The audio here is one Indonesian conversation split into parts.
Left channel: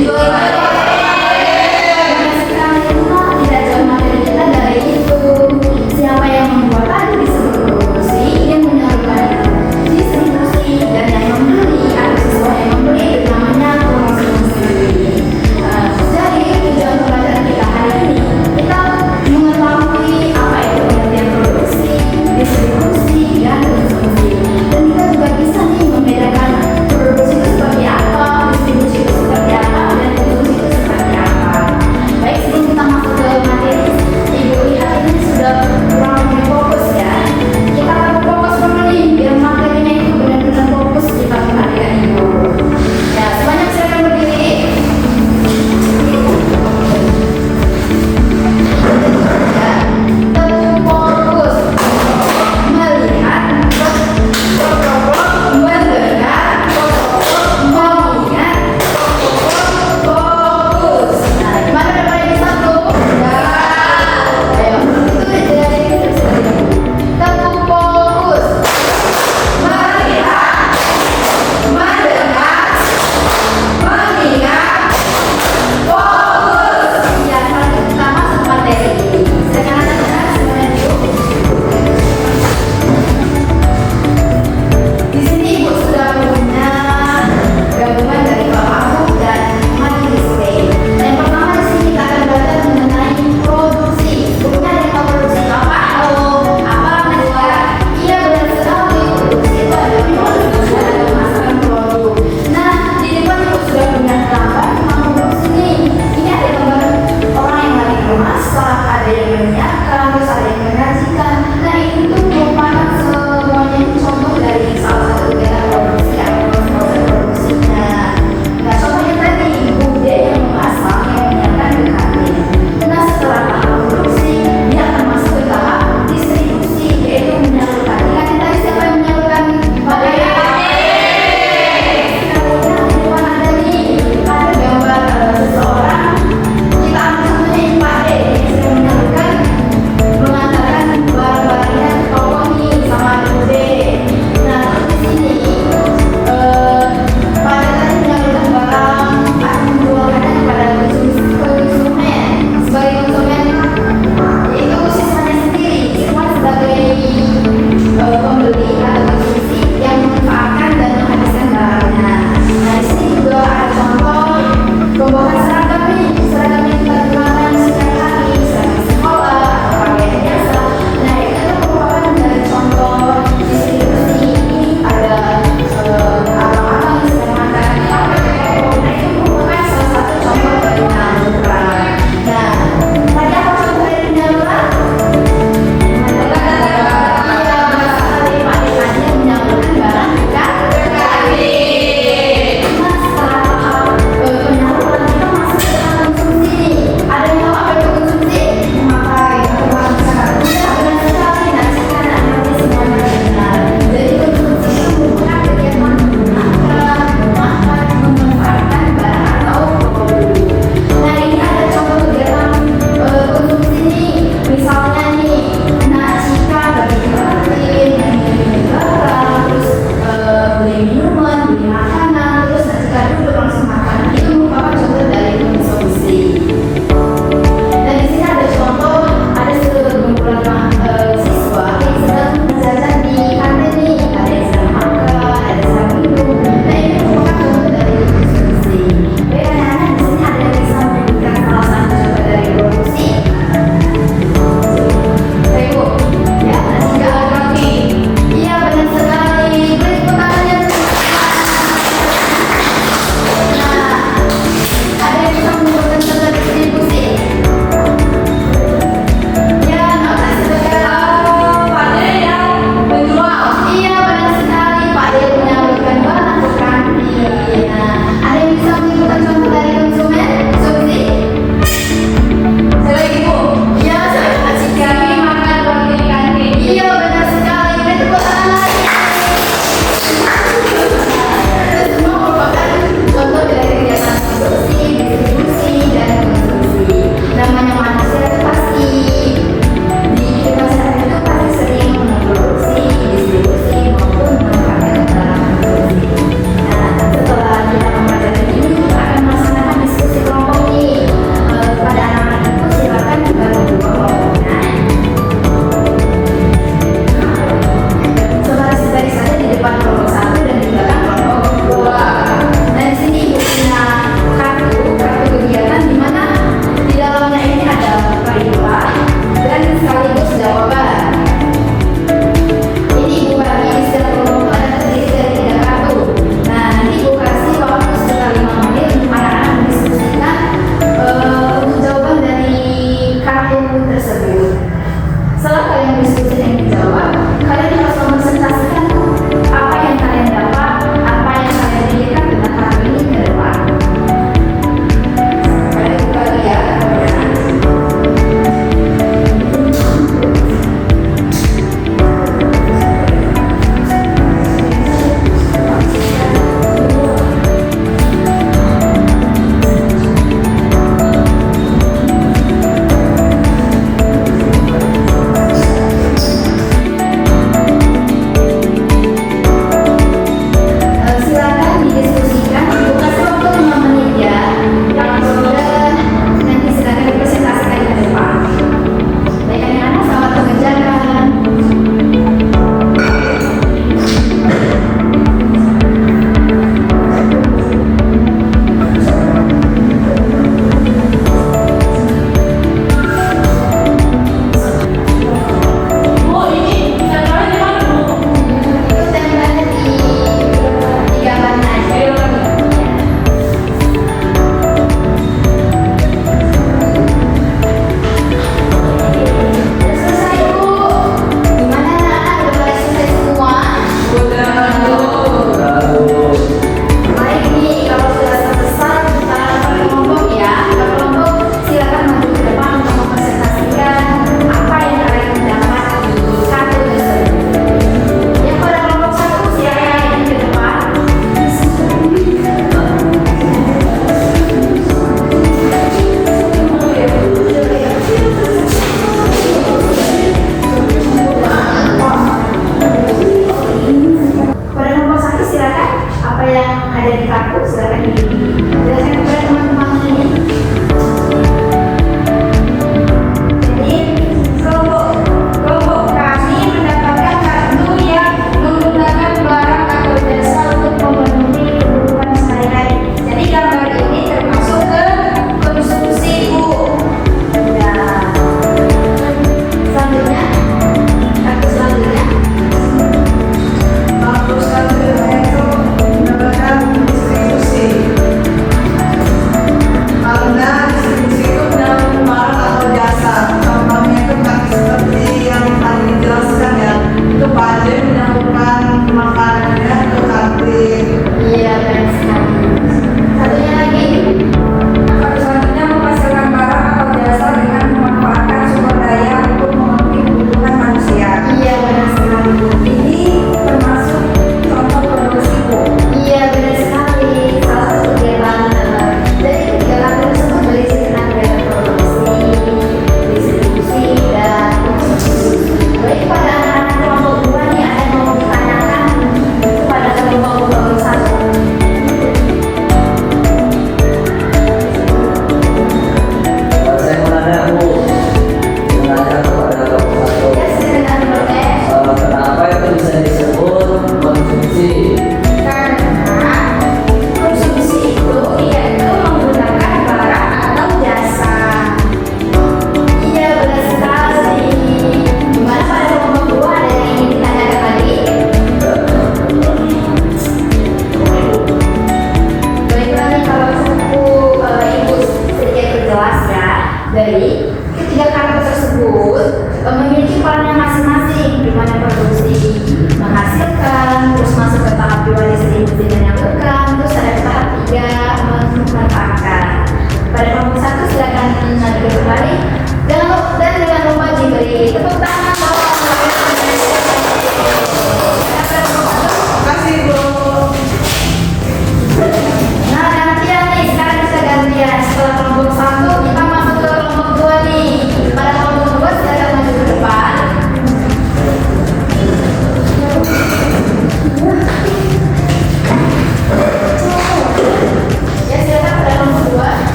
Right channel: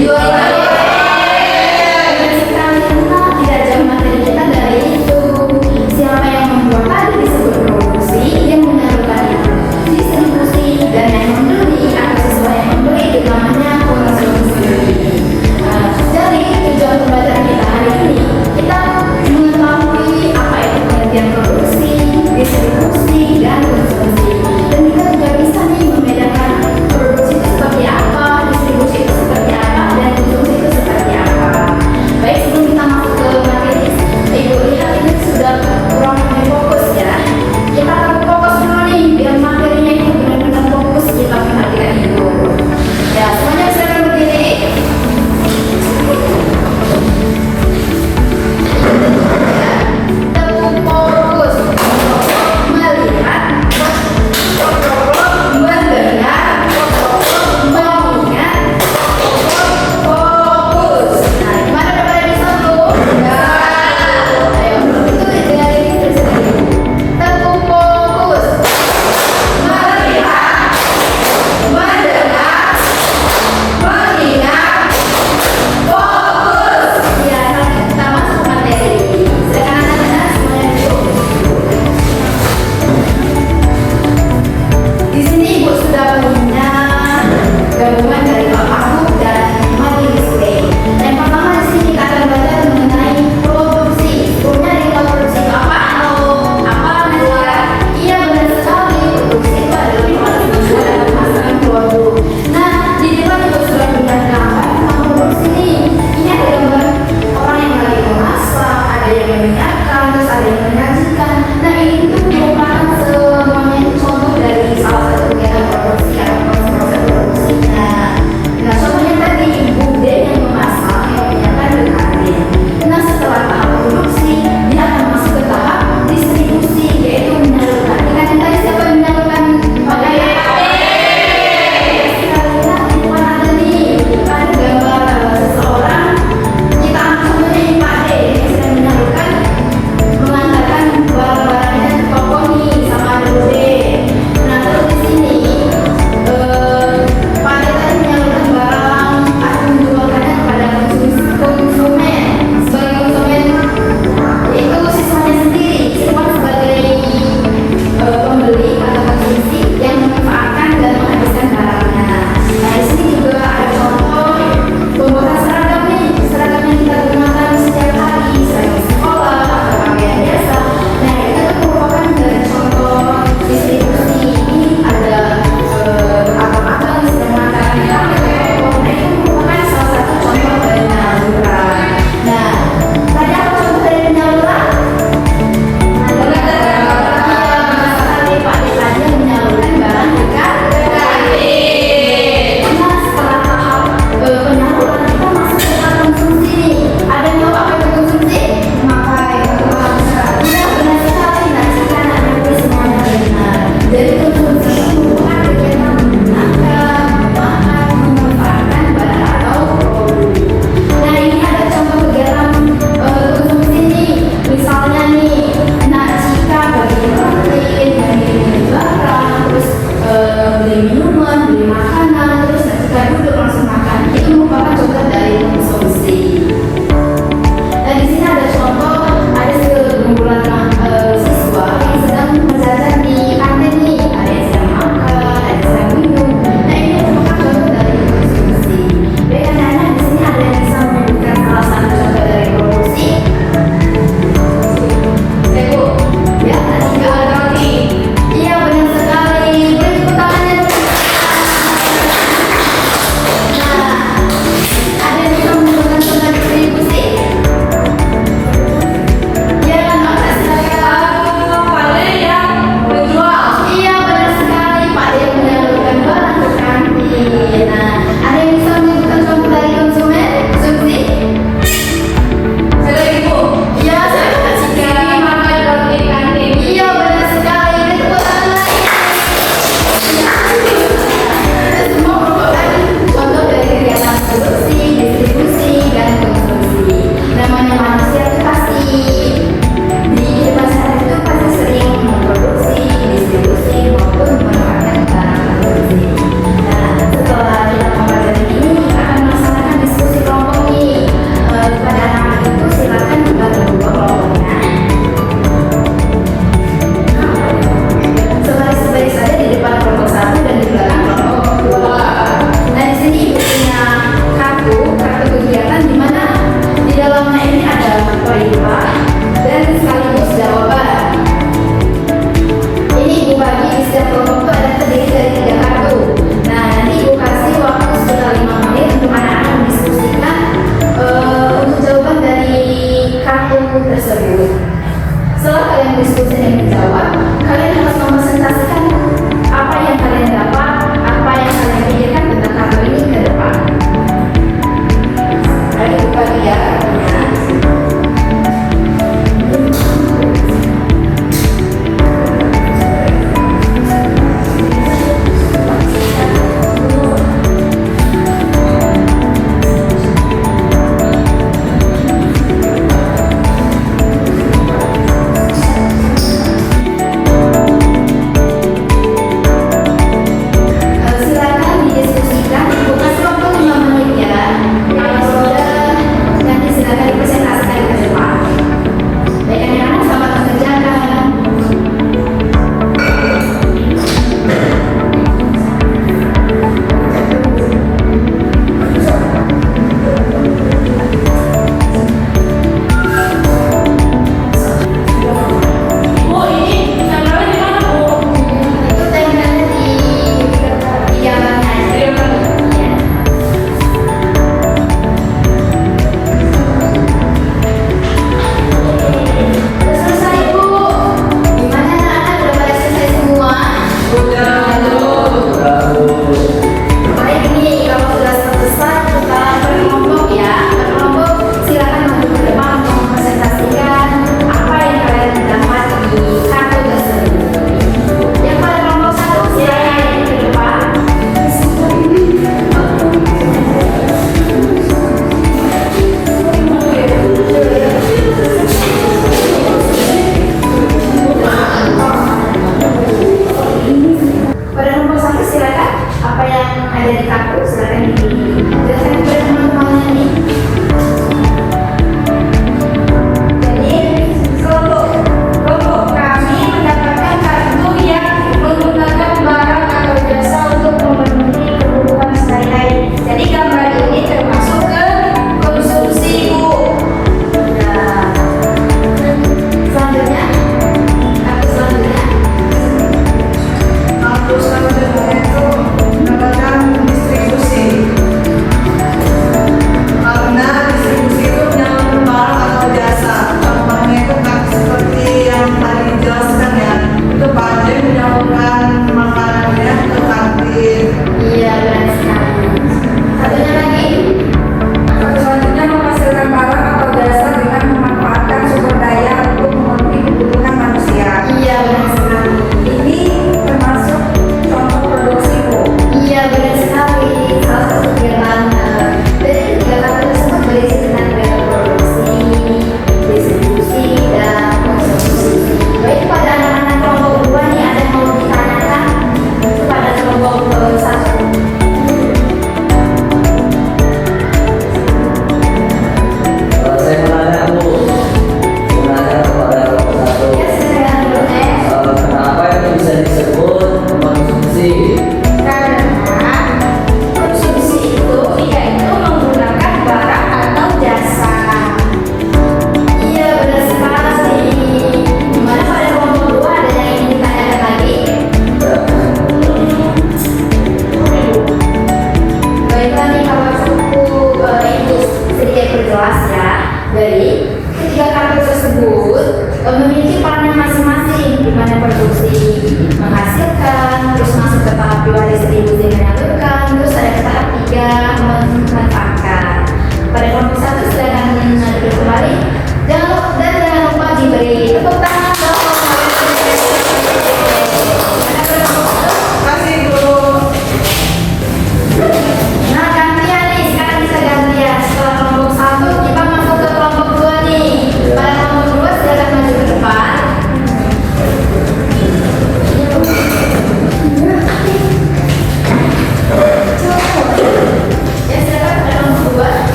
Benar sekali, Tuna. Tidak jauh materi kita dari itu. Siapa yang membuat tadi disebut produksi yang menyalurkan itu distribusi, dan yang membeli atau siswa yang membeli itu namanya konsumsi. Jadi tujuan pembelajaran kita hari ini, kita mengetahui apa itu pengertian produksi, distribusi, dan konsumsi. Dan kita juga bisa nih membedakan produksi itu seperti apa, distribusi itu seperti apa, dan konsumsi itu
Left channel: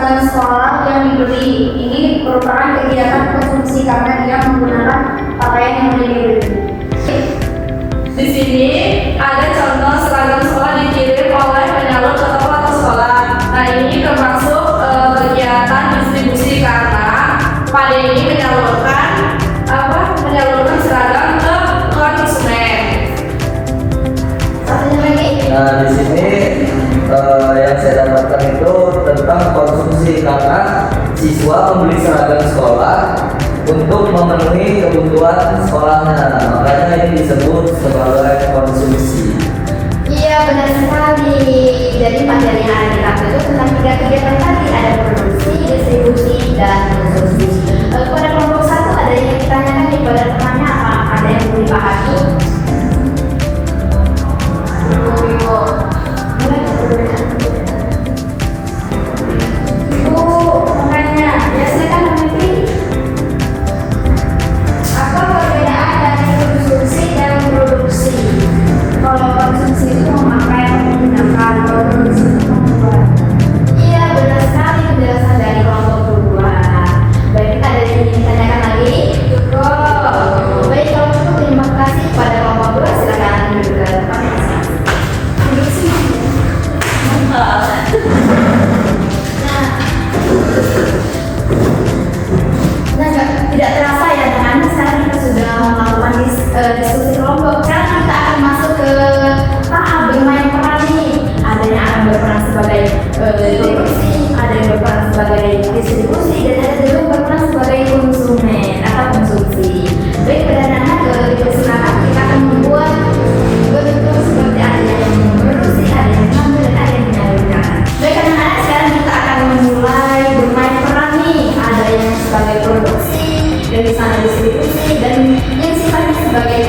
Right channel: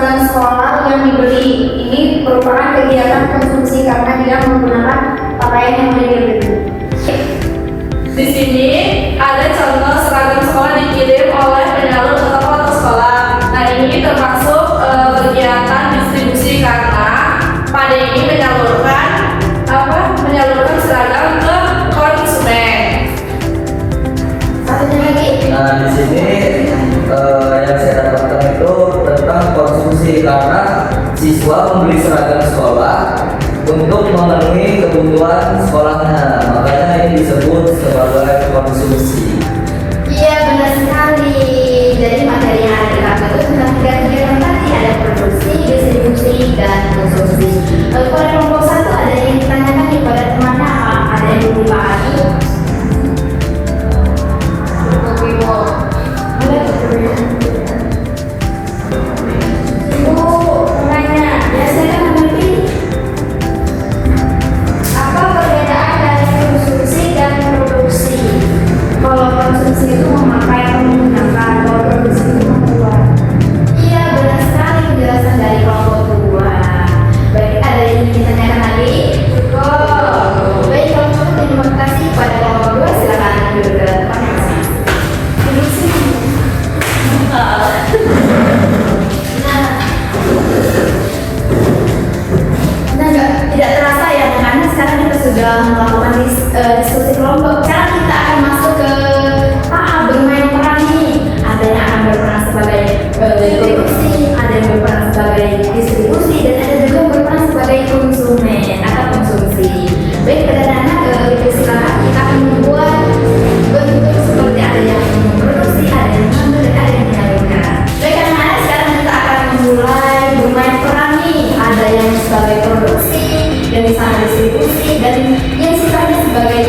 seragam sekolah yang dibeli. Ini merupakan kegiatan konsumsi karena dia menggunakan pakaian yang dibeli. Di sini ada contoh seragam sekolah dikirim oleh penyalur ke toko atau sekolah. Nah, ini termasuk kegiatan distribusi karena pada ini menyalurkan seragam ke konsumen. Satunya lagi. Nah, di sini yang saya dapatkan itu tentang konsumsi karena siswa membeli seragam sekolah untuk memenuhi kebutuhan sekolahnya, makanya ini disebut sebagai konsumsi. Iya, benar sekali. Jadi materi yang ada di tabel itu tentang tiga kegiatan tadi, ada produksi, distribusi, dan konsumsi. Pada kelompok satu ada yang ditanyakan kepada temannya, ada yang dipahami. Ibu bertanya, biasanya memiliki apa perbedaan dari konsumsi dan produksi? Kalau konsumsi itu memakai atau menggunakan, kalau produksi itu membuat. Iya, benar sekali penjelasan dari kelompok kedua. Baik, ada yang ingin ditanyakan lagi? Cukup. Baik, kalau cukup terima kasih pada kelompok dua, silakan duduk ke depan masing-masing. Duduk sini. Nah, tidak terasa ya anak-anak, sekarang kita sudah melakukan diskusi kelompok. Sekarang kita akan masuk ke tahap bermain peran nih. Ada yang akan berperan sebagai produksi, ada yang berperan sebagai distribusi, dan ada juga yang berperan sebagai konsumen atau konsumsi. Baik, pada anak silakan kita akan membuat bentuk seperti ada yang memproduksi, ada yang mengambil, dan ada yang menyalurkan. Baik anak-anak, sekarang kita akan memulai bermain peran nih. Ada yang sebagai produksi, dan di sana distribusi, dan yang sifatnya sebagai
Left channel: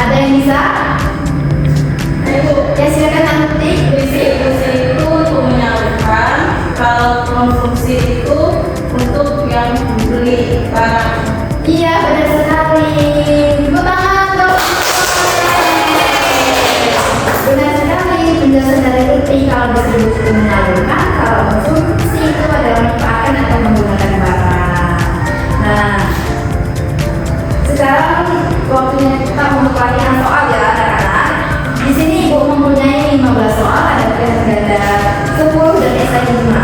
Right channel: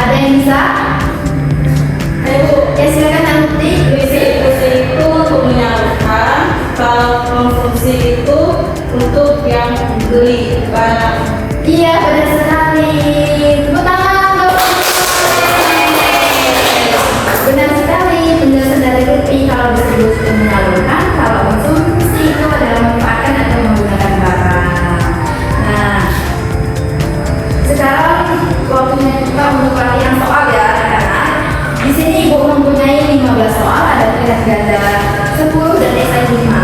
Ada yang bisa? Ayo, Ya silakan nanti. distribusi itu untuk menyalurkan, kalau konsumsi itu untuk yang membeli barang. Iya benar sekali. Tepuk tangan untuk benar sekali penjelasan dari Lutfi. Kalau distribusi itu menyalurkan, kalau konsumsi itu adalah memanfaatkan atau menggunakan barang. Nah, sekarang waktunya kita untuk latihan soal ya anak-anak. Di sini Ibu mempunyai 15 soal, ada pilihan ganda 10 dan esai 5.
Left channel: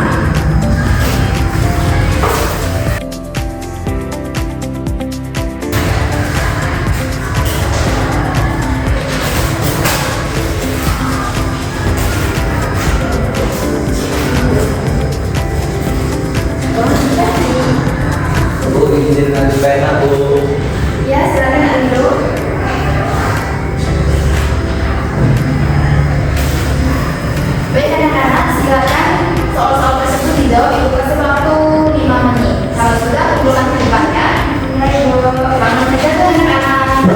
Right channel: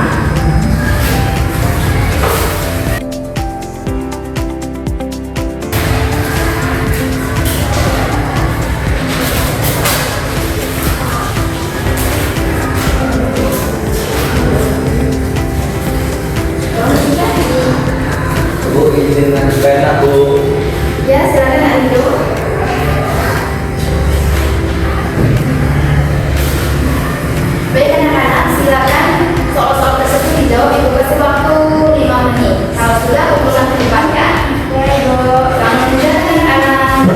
Bu, izinkan pena Bu. Ya, silakan Andrew. Baik anak-anak, silakan soal-soal tersebut dijawab. Ibu kasih waktu 5 menit. Kalau sudah, kumpulan dilibatkan. Ya, Ibu. Selamat menjalankan anak-anak.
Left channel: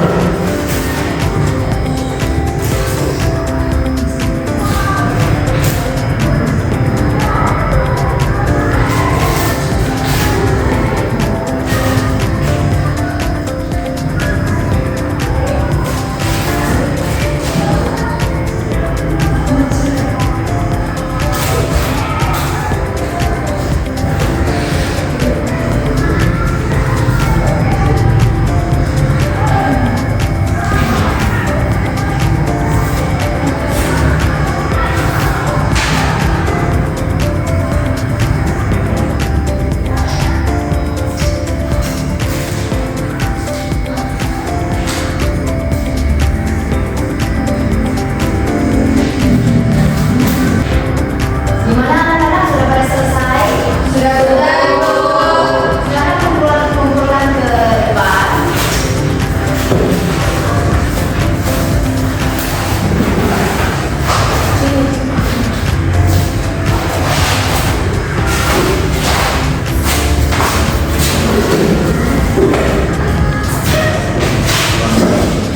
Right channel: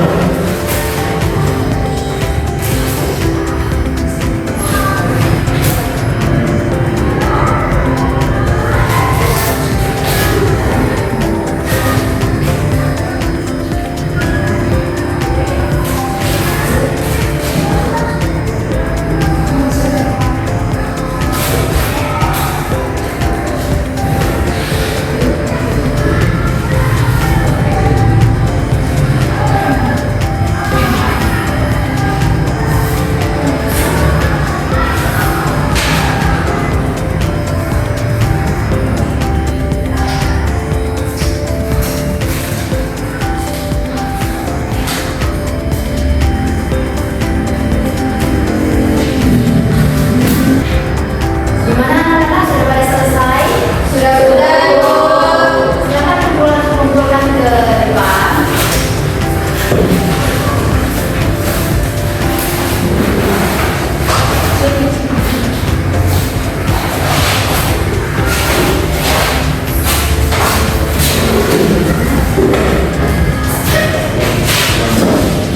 Gimana anak-anak, sudah pada selesai? Sudah. Silakan kumpulan ke depan.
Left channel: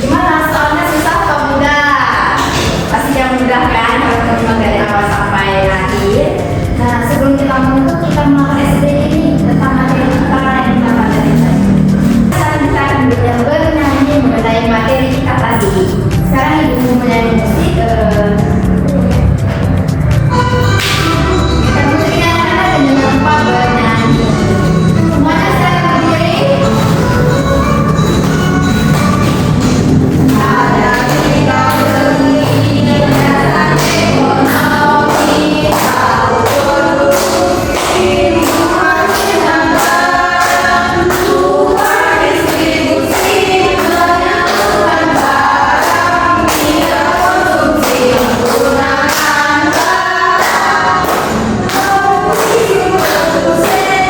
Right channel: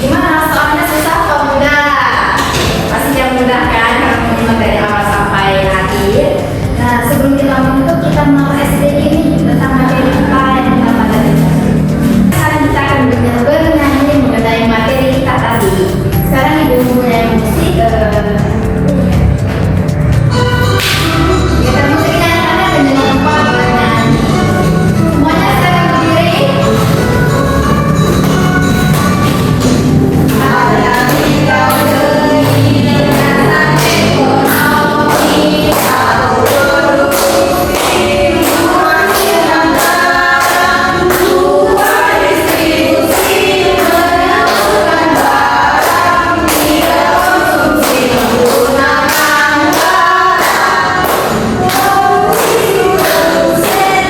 Gimana, soalnya susah atau mudah? Pasti yang mudah kan, kalau menyimak dari awal sampai akhir. Nah, sebelum kita menutup, kita melakukan SDG ini tentang materi kita yang kita pelajari tadi. Sekarang kita akan bernyanyi mengenai materi kita tadi. Sekarang Ibu mempunyai musik. Kita musiknya anak-anak dan jangan lupa bernyanyi. Semuanya sekarang berdiri. Ada tiga negeri dengan ekonomi satu produksi, dua dengan barang, dua distribusi menyalurkan barang, tiga konsumsi menggunakan barang, produksi produsen,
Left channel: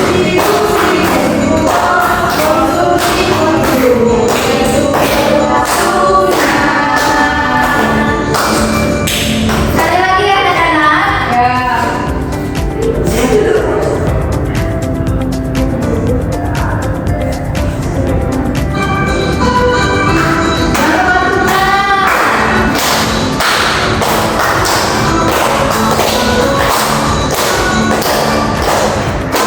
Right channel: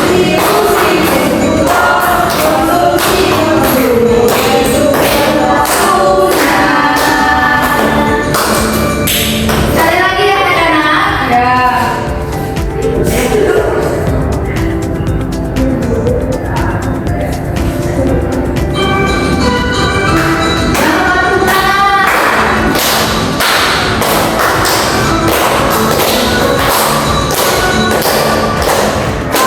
distribusi ekspor, konsumsi konsumen. Sekali lagi ya anak-anak. Ya,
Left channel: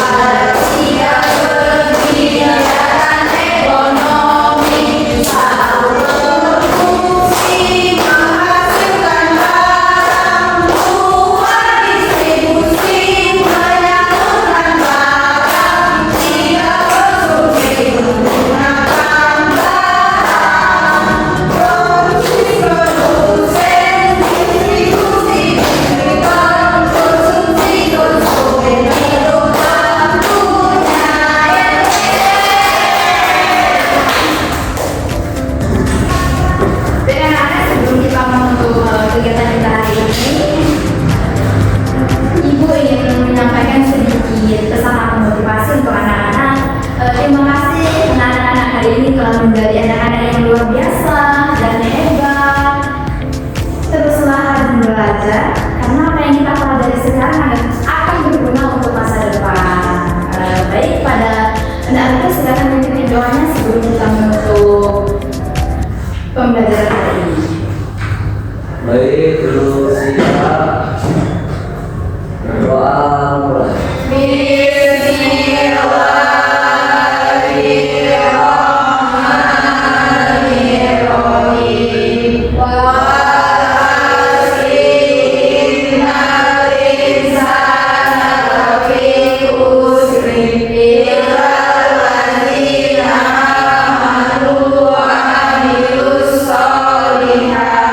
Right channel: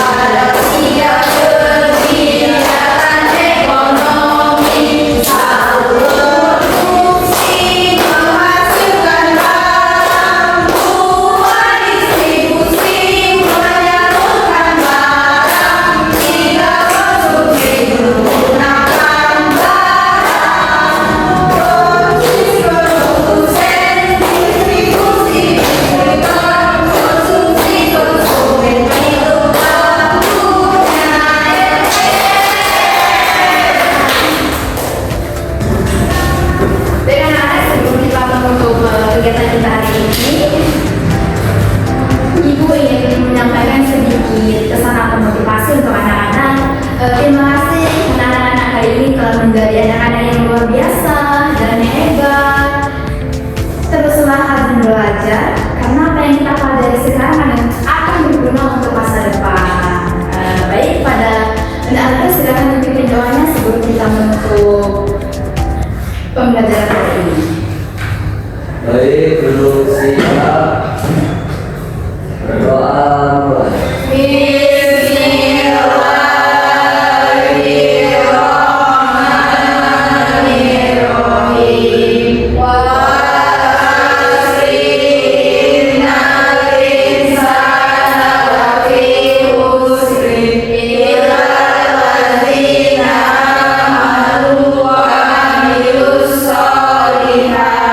Ada tiga kegiatan ekonomi, satu produksi menghasilkan barang, dua distribusi menyalurkan barang, tiga konsumsi menggunakan barang, produksi produsen, distribusi distributor, konsumsi konsumen itu waktunya. Dengan anak sebelum kita menutup kegiatan kita hari ini, Ibu ingin menyampaikan sedikit pesan atau motivasi untuk anak-anak. Terima kasih karena anak-anak hari ini telah menjadi anak-anak yang luar biasa dan yang hebat. Teruslah rajin belajar karena apa yang kita pelajari sekarang akan berguna untuk masa depan. Baik, pada anak-anak silakan tunjukkan doanya sebelum kita menutup pembelajaran. pembelajaran hari ini. Baik, duduk siap. Berdoa mulai. Solihah